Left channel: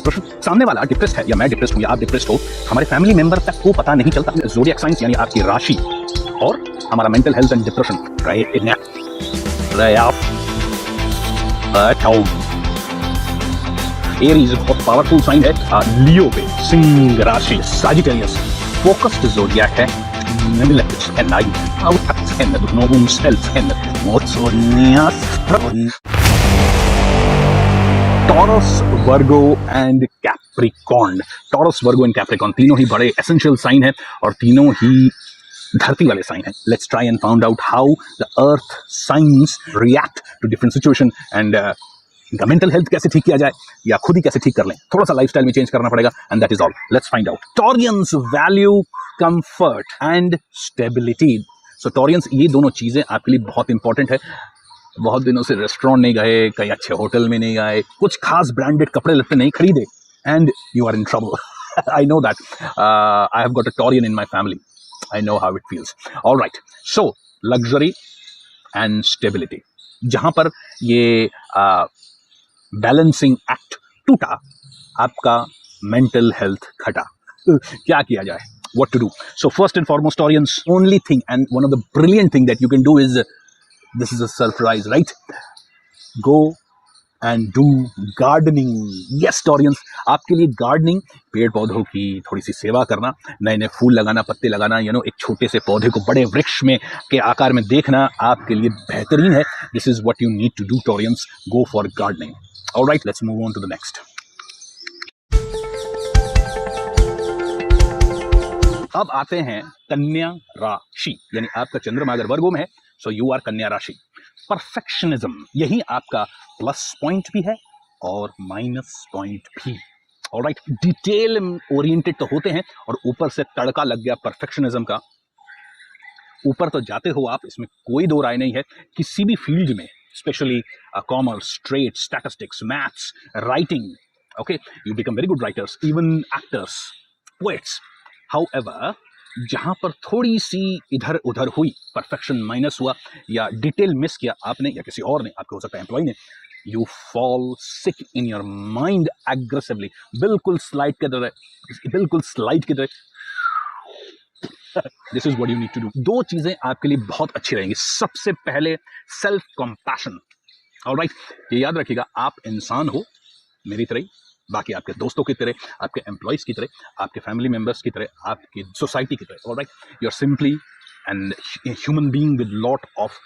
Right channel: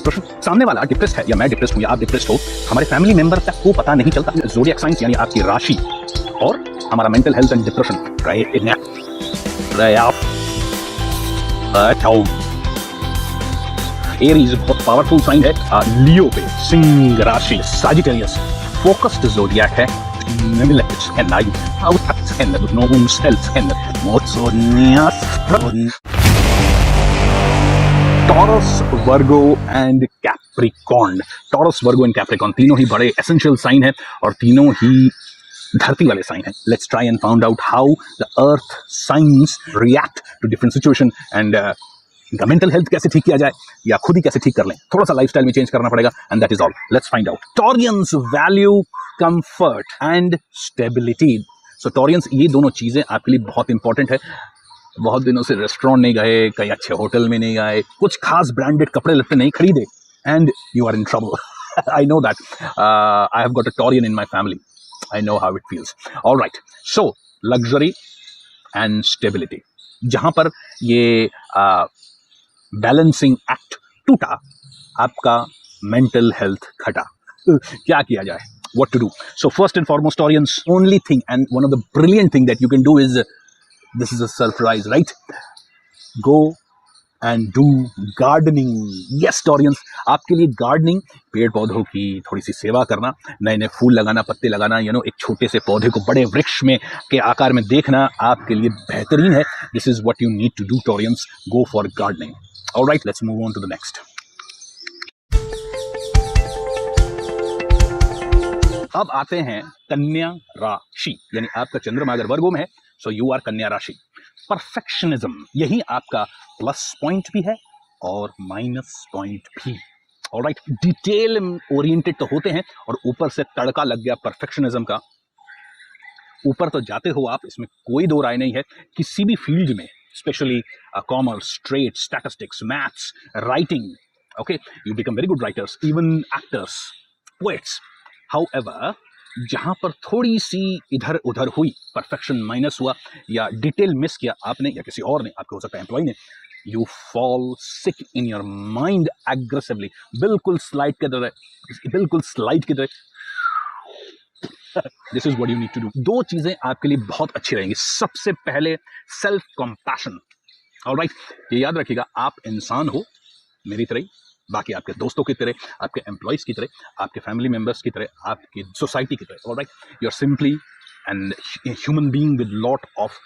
Depression, सामने वाला depressed है या मैं डिप्रेस्ड हूँ या आप डिप्रेस्ड हो, हमारे फैमिली मेंबर तक को पता नहीं चलता। ज़ोडिएक साइन यानी आपकी राशि और हमारा मेंटल हेल्थ एरीज बहुत पावरफुल साइन है। लियो सिंह राशि, सजिटेरियस फोकस्ड ज़ोडिएक है। Taurus, Virgo and Capricorn. Taurus, Virgo and Capricorn तीनों ही बड़े एसेंशियल साइन है और तीनों ही धरती वाले साइन है। Let's try and found out how the earth signs react to different situation and इनका मेंटल हेल्थ कैसे ठीक किया जाए या खुद ही कैसे ठीक कर लें। थोड़ा सा लाइफस्टाइल में चेंज करना पड़ेगा and that is all. Let's find out. Taureans value comfort and stability. So Taureans, ये दोनों चीजें आपके लिए बहुत इंपॉर्टेंट है। बहुत दिनों से रेस्टोरेंट नहीं गए, कहीं अच्छे होटल में नहीं गए, कुछ खास ब्रांडेड कपड़े लत्ते नहीं खरीदे and you are in trouble. I know that. I have got a Taurean in my family. I know how it feels. Alright, so luxury and stability, जहां पर ये बैलेंसिंग एक्ट टूटा, आपका मेंटल हेल्थ घटा। क्या किया जाए? What to do? So first and foremost, Taurians, only thing and one of the brilliant thing that you can do is, this is a surprise, right? Go and do gardening. Yes, Taurians, आपके लिए gardening, पेड़ पौधों की थोड़ी सी सेवा करना, नए नए फूल लगाना, पत्ते लगाना, एक छोटे से पौधे को बड़े वृक्ष में के आकार में देखना आपके लिए बेहतरीन है। This is what you need to do, Taurians. Go for gardening. All right, let's move on to the next. अब आते हैं कन्या राशि, यानी आपका चंद्रमा अगर वर्गो में है, सो यू आर कन्या राशि। परफेक्शनिज्म, यही आपका प्लस पॉइंट भी है और माइनस पॉइंट भी। ऑलराइट, डिटेल ओरिएंटेड तो होते हैं और ऊपर से तड़का लग गया परफेक्शनिज्म का। ऊपर तो जाते हो आप, इसमें कोई दो राय नहीं है। किसी भी फील्ड में, specially commerce, trade, statistics, maths, writing, okay, you become very good writers, even actors, poets. However, जहां पर थोड़ी सी इधर उधर हुई, परफेक्शन माइनस हुआ या डिटेल मिस किया आपने या किसी और ने, आपके हो सकता है एम्प्लॉय ने, you fall sick in your mind aggressively. बिल्कुल स्लाइड की तरह। This is what you need to do. दो चीजें आपके लिए बहुत अच्छी रहेंगी। सबसे पहले सेल्फ कंपैशन। ऑलराइट, ये याद रखिएगा, आप इंसान हो मेरी तरह, बाकी आपके दोस्तों की तरह, आपके एम्प्लॉयज की तरह, आपके फैमिली मेंबर्स की तरह, आपकी सोसाइटी की तरह। Alright, you are simply and human being with lot of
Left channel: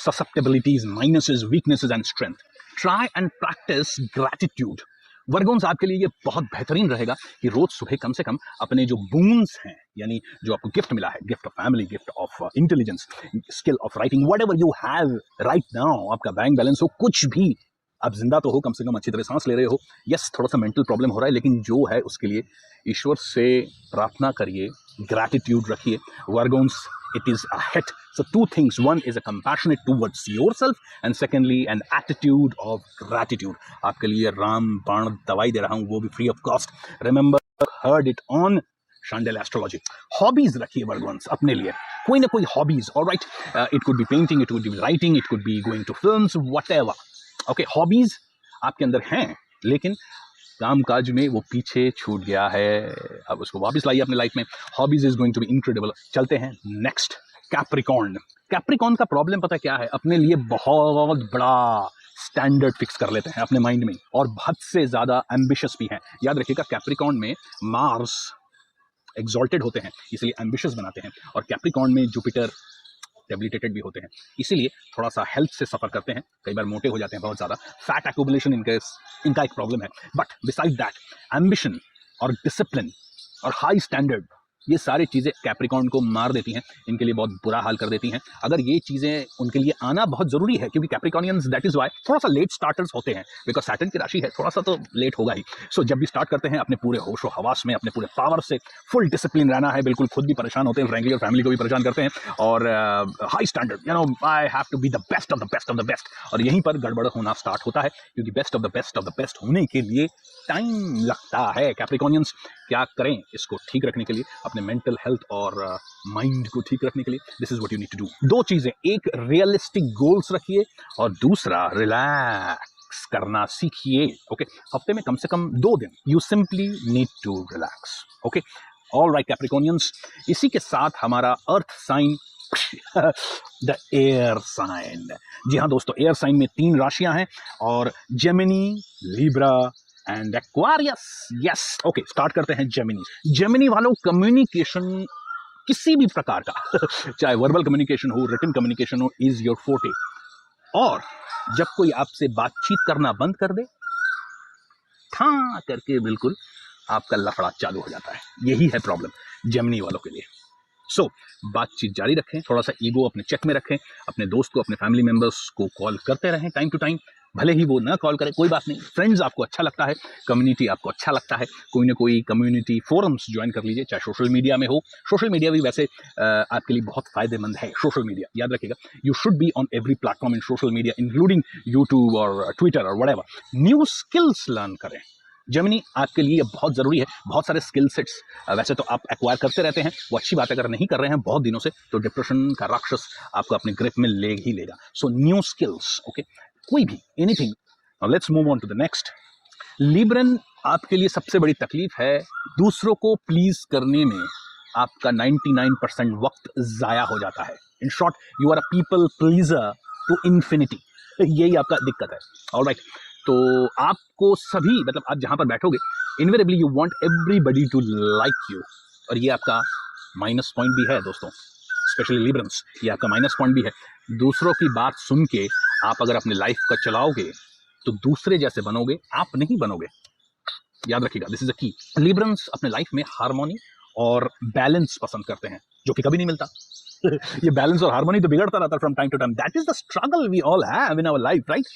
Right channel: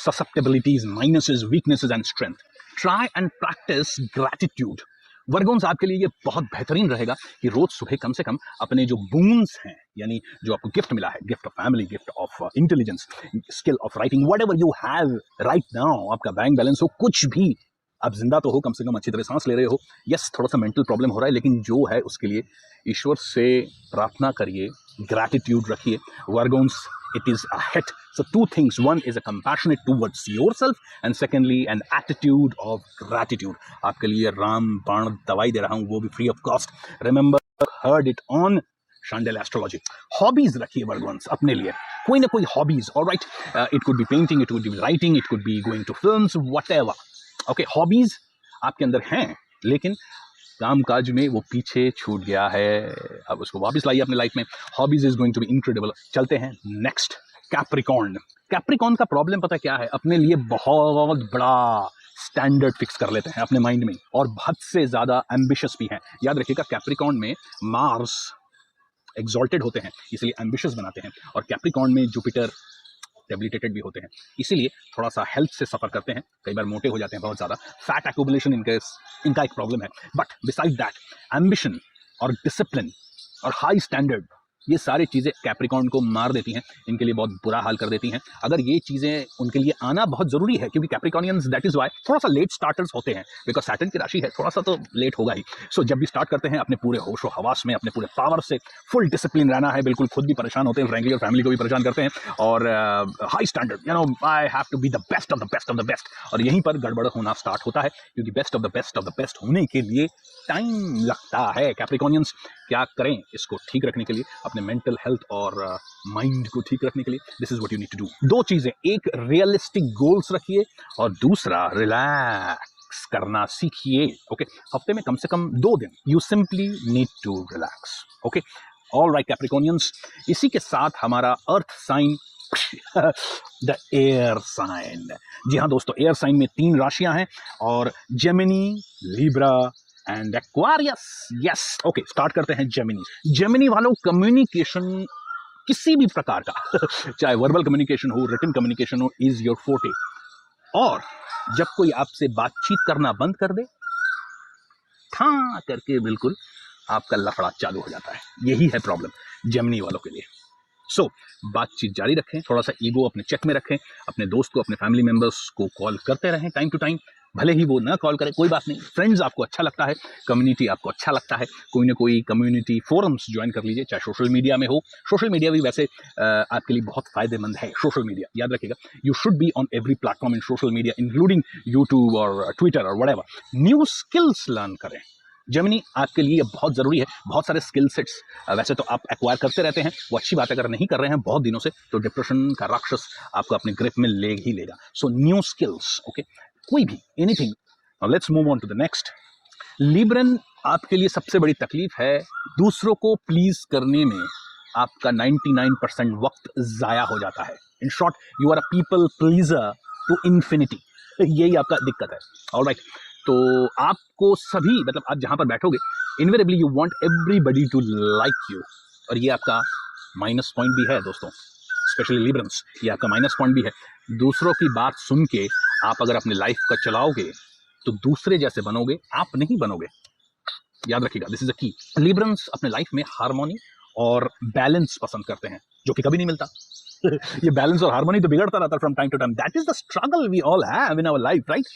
susceptibilities, minuses, weaknesses and strength. Try and practise gratitude. Virgoans, आपके लिए ये बहुत बेहतरीन रहेगा कि रोज सुबह कम से कम अपने जो बून्स हैं, यानी जो आपको गिफ्ट मिला है, gift of family, gift of intelligence, skill of writing, whatever you have right now, आपका बैंक बैलेंस हो, कुछ भी, आप जिंदा तो हो, कम से कम अच्छी तरह सांस ले रहे हो। यस, थोड़ा सा मेंटल प्रॉब्लम हो रहा है, लेकिन जो है उसके लिए ईश्वर से प्रार्थना करिए, ग्रैटिट्यूड रखिए। वर्गोन्स, it is a hit. So two things. One is a compassionate towards yourself and secondly an attitude of gratitude. आपके लिए राम बाण दवाई दे रहा हूँ, वो भी free of cost. Remember, heard it on Chandel Astrology. Hobbies रखिए वर्गोन्स अपने लिए, कोई ना कोई hobbies. All right, it could be painting, it could be writing, it could be going to films, whatever. Okay, hobbies आपके अंदर हैं, लेकिन कामकाज में वो पीछे छूट गया है। अब उसको वापस लाइए अपने लाइफ में। Hobbies is going to be incredible. चलते हैं नेक्स्ट, कैप्रिकॉर्न। कैप्रिकॉर्न का प्रॉब्लम पता क्या है? अपने लिए बहुत बड़ा स्टैंडर्ड फिक्स कर लेते हैं अपने माइंड में और हद से ज्यादा एम्बिशियस भी हैं। याद रखिएगा, कैप्रिकॉर्न में मार्स एक्सॉल्टेड होते हैं, इसलिए एम्बिशियस बनाते हैं, और कैप्रिकॉर्न में जुपिटर डेबिलिटेटेड भी होते हैं, इसीलिए थोड़ा सा हेल्थ से सफर करते हैं, कई बार मोटे हो जाते हैं बहुत ज़्यादा, फैट एक्यूमुलेशन इनका एक प्रॉब्लम है। बट बिसाइड दैट, एम्बिशन और डिसिप्लिन और हाई स्टैंडर्ड, ये सारी चीज़ें कैप्रिकॉर्न को मार देती हैं, इनके लिए बहुत बुरा हाल कर देती हैं। अगर ये चीज़ें उनके लिए आना बहुत ज़रूरी है, क्योंकि कैप्रिकॉर्नियंस, दैट इज़ वाई थोड़ा सा लेट स्टार्टर्स होते हैं, बिकॉज सैटर्न की राशि है, थोड़ा सा तो लेट होगा ही। सो जब भी स्टार्ट करते हैं, अपने पूरे होश व हवास में, अपने पूरे पावर से फुल डिसिप्लिन रहना है। बिल्कुल खुद भी परेशान होते हैं, फ्रैंकली, और फैमिली को भी परेशान करते हैं, और high standard, I have to be the best of the best of the best, और यहीं पर गड़बड़ होना स्टार्ट होता है, क्योंकि बेस्ट ऑफ द बेस्ट होने के लिए टाइम लगता है। कैप्रिकॉर्नियंस क्या करें इसको ठीक रखने के लिए, अपने मेंटल हेल्थ और माइंड को ठीक रखने के लिए? This is what you need to do. दो चीजें, एक रियलिस्टिक गोल्स रखिए और दूसरा रिलैक्स। रिलैक्स करना सीखिए। ओके, हफ्ते में कम से कम 2 दिन you simply need to relax. Okay, all right Capricornians, इसी के साथ हमारा earth sign the air sign. जी हाँ दोस्तों, एयर साइन में 3 राशियां हैं और Gemini, Libra and Aquarius. Yes, okay, start करते हैं जेमिनी। जेमिनी वालों, कम्युनिकेशन किसी भी प्रकार का चाहे वर्बल कम्युनिकेशन हो, रिटन कम्युनिकेशन हो, इज योर फोर्टे। और जब कोई आपसे बातचीत करना बंद कर दे, हाँ करके बिल्कुल आपका लफड़ा चालू हो जाता है। यही है प्रॉब्लम जेमिनी वालों के लिए। सो बातचीत जारी रखें, थोड़ा सा ईगो अपने चेक में रखें, अपने दोस्तों, अपने फैमिली मेंबर्स को कॉल करते हैं, वो ना कॉल करें, फ्रेंड्स आपको अच्छा लगता है, कम्युनिटी आपको अच्छा लगता है, कोई ना कोई कम्युनिटी फोरम्स ज्वाइन कर लीजिए, चाहे सोशल मीडिया में हो। सोशल मीडिया भी ऐसे आपके लिए बहुत फायदेमंद है। सोशल मीडिया याद रखिएगा, you should be on every platform social media, including YouTube और ट्विटर और व्हाटएवर। न्यू स्किल्स लर्न करें। जेमिनी आपके लिए बहुत जरूरी है। बहुत सारे स्किल सेट्स वैसे तो आप एक्वायर करते रहते हैं, वो अच्छी बात है। अगर नहीं कर रहे हैं बहुत दिनों से, तो डिप्रेशन का राक्षस आपको अपने ग्रिप में ले ही लेगा। सो न्यू स्किल्स, ओके, कोई भी, anything. Let's move on to the next. Libran, आपके लिए सबसे बड़ी तकलीफ है दूसरों को प्लीज करने में आपका 99% वक्त जाया हो जाता है। In short, you are a people pleaser to infinity. यही आपका दिक्कत है। ऑलराइट, तो आपको सभी, मतलब आप जहां पर बैठोगे, invariably you want everybody to like you, और ये आपका माइनस पॉइंट भी है दोस्तों। स्पेशली लिब्रन्स, ये आपका माइनस पॉइंट भी है। दूसरों की बात सुन के आप अगर अपनी लाइफ का चलाओगे तो दूसरे जैसे बनोगे, आप नहीं बनोगे। याद रखिएगा, दिस इज द की। लिब्रन्स अपने लाइफ में हार्मोनी और बैलेंस पसंद करते हैं, जो कि कभी नहीं मिलता। ये बैलेंस और हार्मोनी तो बिगड़ता रहता है from time to time. That is the struggle we all have in our life, right.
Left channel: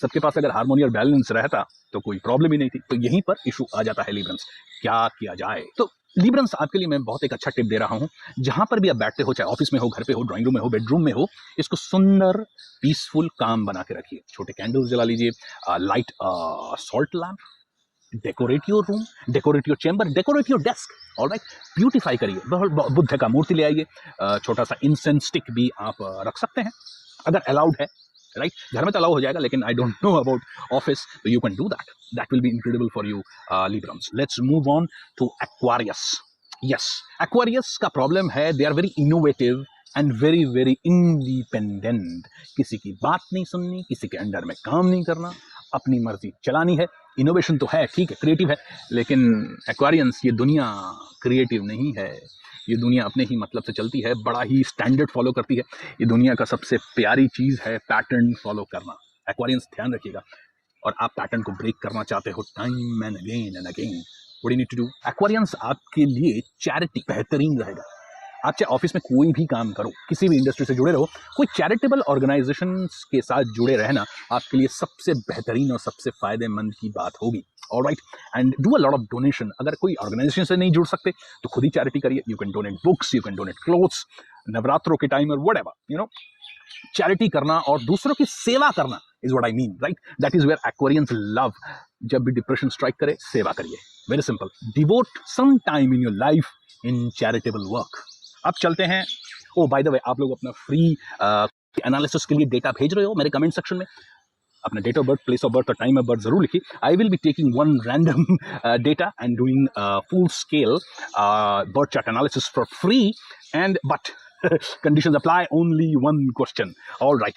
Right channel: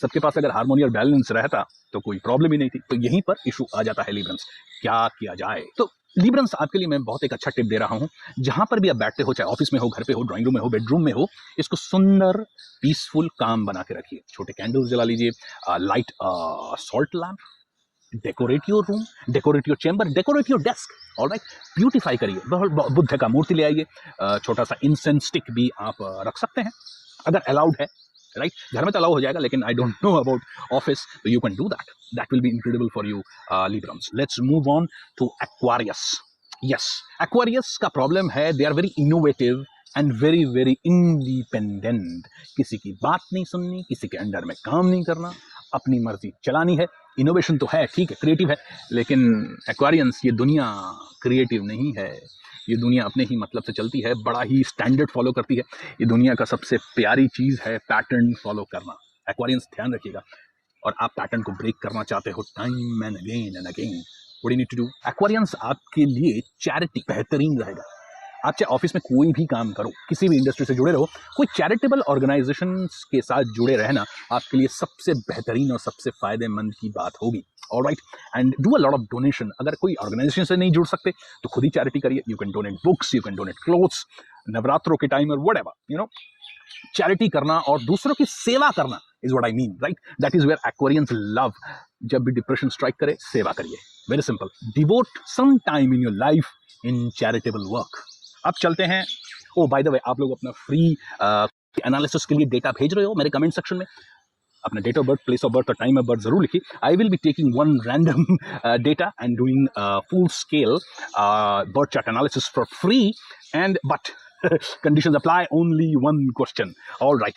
सबके पास अगर हार्मोनी और बैलेंस रहता तो कोई प्रॉब्लम ही नहीं थी। तो यहीं पर इशू आ जाता है लिब्रन्स। क्या किया जाए? तो लिब्रन्स, आपके लिए मैं बहुत एक अच्छा टिप दे रहा हूं। जहां पर भी आप बैठते हो, चाहे ऑफिस में हो, घर पे हो, ड्राइंग रूम में हो, बेडरूम में हो, इसको सुंदर, पीसफुल, काम बना के रखिए। छोटे कैंडल्स जला लीजिए, light salt lamp, decorate your room, decorate your chamber, decorate your desk. Alright, beautify करिए। बुद्ध का मूर्ति ले आइए, छोटा सा इंसेंस स्टिक भी आप रख सकते हैं अगर अलाउड है, राइट। घर में तो अलाउ हो जाएगा, लेकिन I don't know about office, तो you can do that. That will be incredible for you Librans. Let's move on to Aquarius. Yes, Aquarius का प्रॉब्लम है, they are very innovative and very very independent. किसी की बात नहीं सुननी, किसी के अंडर में काम नहीं करना, अपनी मर्जी चलानी है। इनोवेशन तो है, ठीक है, क्रिएटिव है, लेकिन एक्वारियंस, ये दुनिया क्रिएटिव नहीं है। ये दुनिया अपने ही मतलब से चलती है, बड़ा ही स्टैंडर्ड फॉलो करती है। ये दुनिया का सबसे प्यारी चीज है पैटर्न फॉलो करना। एक्वारियंस, ध्यान रखिएगा। और आप पैटर्न को ब्रेक करना चाहते हो time and again, what you need to do? Aquarians आपके लिए चैरिटी बेहतरीन रहेगा। आप चाहे ऑफिस में कोई भी काम करो, किसी भी इंडस्ट्री से जुड़े रहो, कोई चैरिटेबल ऑर्गेनाइजेशन के साथ जुड़े रहना आपके लिए सबसे बेहतरीन और सबसे फायदेमंद की बात होगी। Alright, and do a lot of donation. अगर कोई ऑर्गेनाइजेशन से नहीं जुड़ सकते तो खुद ही चैरिटी करिए। You can donate books, you can donate clothes, नवरात्रों के टाइम और व्हाटएवर, यू नो। चैरिटी करना और दूसरों की सेवा करना is what I mean, right. That is where Aquarians love. जब भी डिप्रेशन स्ट्राइक करे, सेवा करिए। Very simple, devote some time in your life in charitable work. अब चलते हैं, ओ बाय द वे, आप लोग अपना फ्री एनालिसिस के लिए डेटा भेज रहे हो मेरे कमेंट सेक्शन में। अपना date of birth, place of birth और टाइम ऑफ बर्थ जरूर लिखिए। I will be taking one random data and doing full scale birth chart analysis for free, and but conditions apply, only one question. All right.